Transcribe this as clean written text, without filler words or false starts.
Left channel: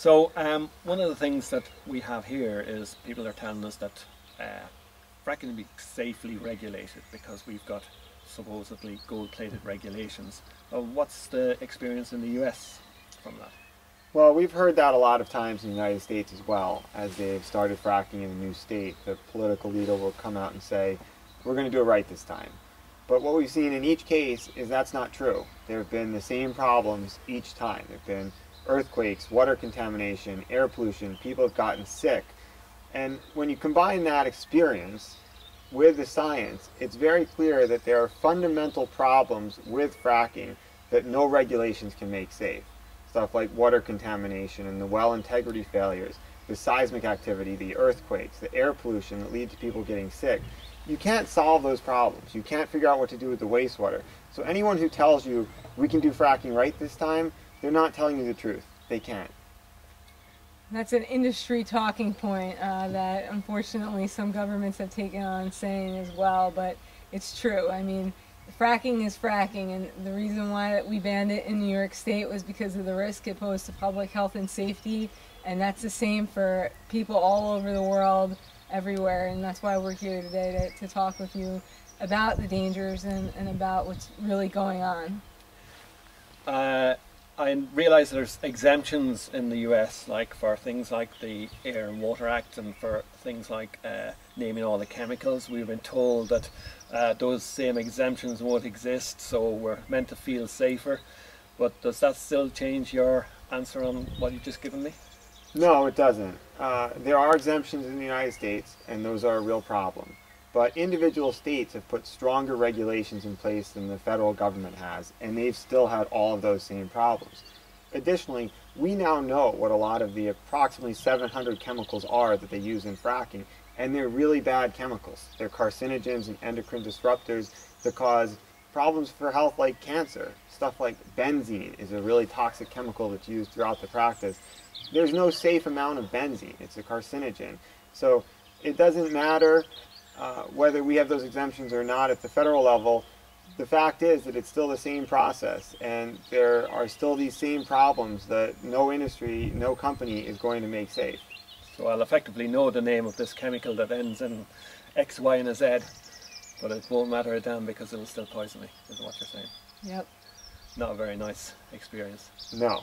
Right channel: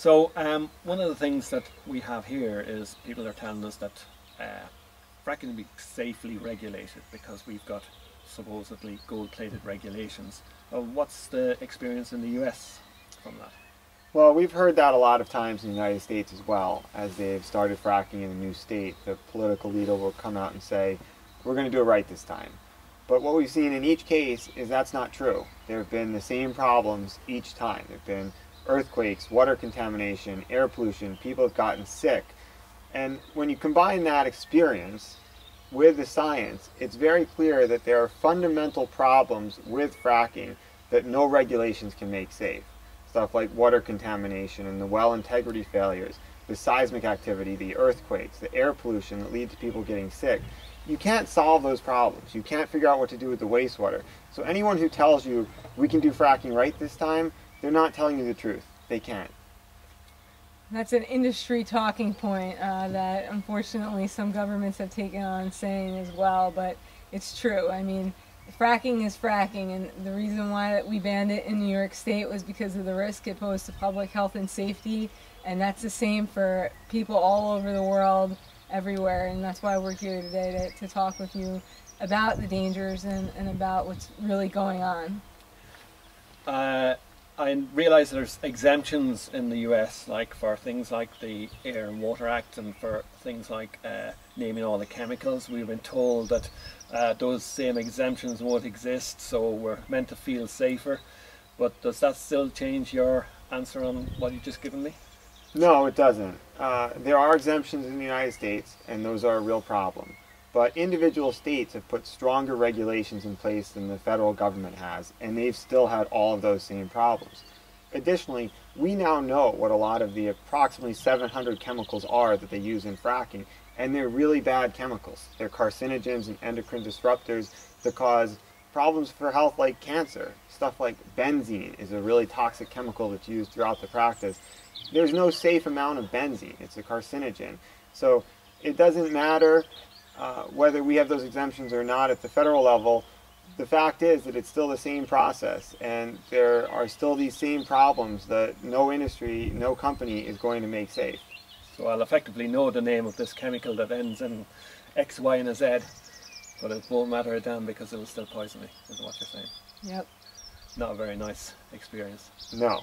So one of the things that we have here is people are telling us that fracking will be safely regulated because we've got supposedly gold-plated regulations. What's the experience in the US from that? Well, we've heard that a lot of times in the United States as well. As they've started fracking in a new state, the political leader will come out and say, we're going to do it right this time. But what we've seen in each case is that's not true. There have been the same problems each time. There have been earthquakes, water contamination, air pollution, people have gotten sick. And when you combine that experience with the science, it's very clear that there are fundamental problems with fracking that no regulations can make safe. Stuff like water contamination and the well integrity failures, the seismic activity, the earthquakes, the air pollution that lead to people getting sick. You can't solve those problems. You can't figure out what to do with the wastewater. So anyone who tells you we can do fracking right this time, they're not telling you the truth. They can't. That's an industry talking point that unfortunately some governments have taken on saying as well, but it's true. I mean, fracking is fracking, and the reason why we banned it in New York State was because of the risk it posed to public health and safety, and that's the same for people all over the world, everywhere, and that's why we're here today to talk with you about the dangers and about what's really going on. I realise there's exemptions in the US, like for things like the Air and Water Act and for things like naming all the chemicals. We've been told that those same exemptions won't exist, so we're meant to feel safer. But does that still change your answer on what you've just given me? No, it doesn't. There are exemptions in the United States, and those are a real problem. But individual states have put stronger regulations in place than the federal government has, and they've still had all of those same problems. Additionally, we now know what a lot of the approximately 700 chemicals are that they use in fracking, and they're really bad chemicals. They're carcinogens and endocrine disruptors that cause problems for health like cancer. Stuff like benzene is a really toxic chemical that's used throughout the practice. There's no safe amount of benzene. It's a carcinogen. So it doesn't matter whether we have those exemptions or not at the federal level. The fact is that it's still the same process, and there are still these same problems that no industry, no company is going to make safe. So I'll effectively know the name of this chemical that ends in X, Y, and a Z, but it won't matter a damn because it will still poison me, is what you're saying. Yep. Not a very nice experience. No.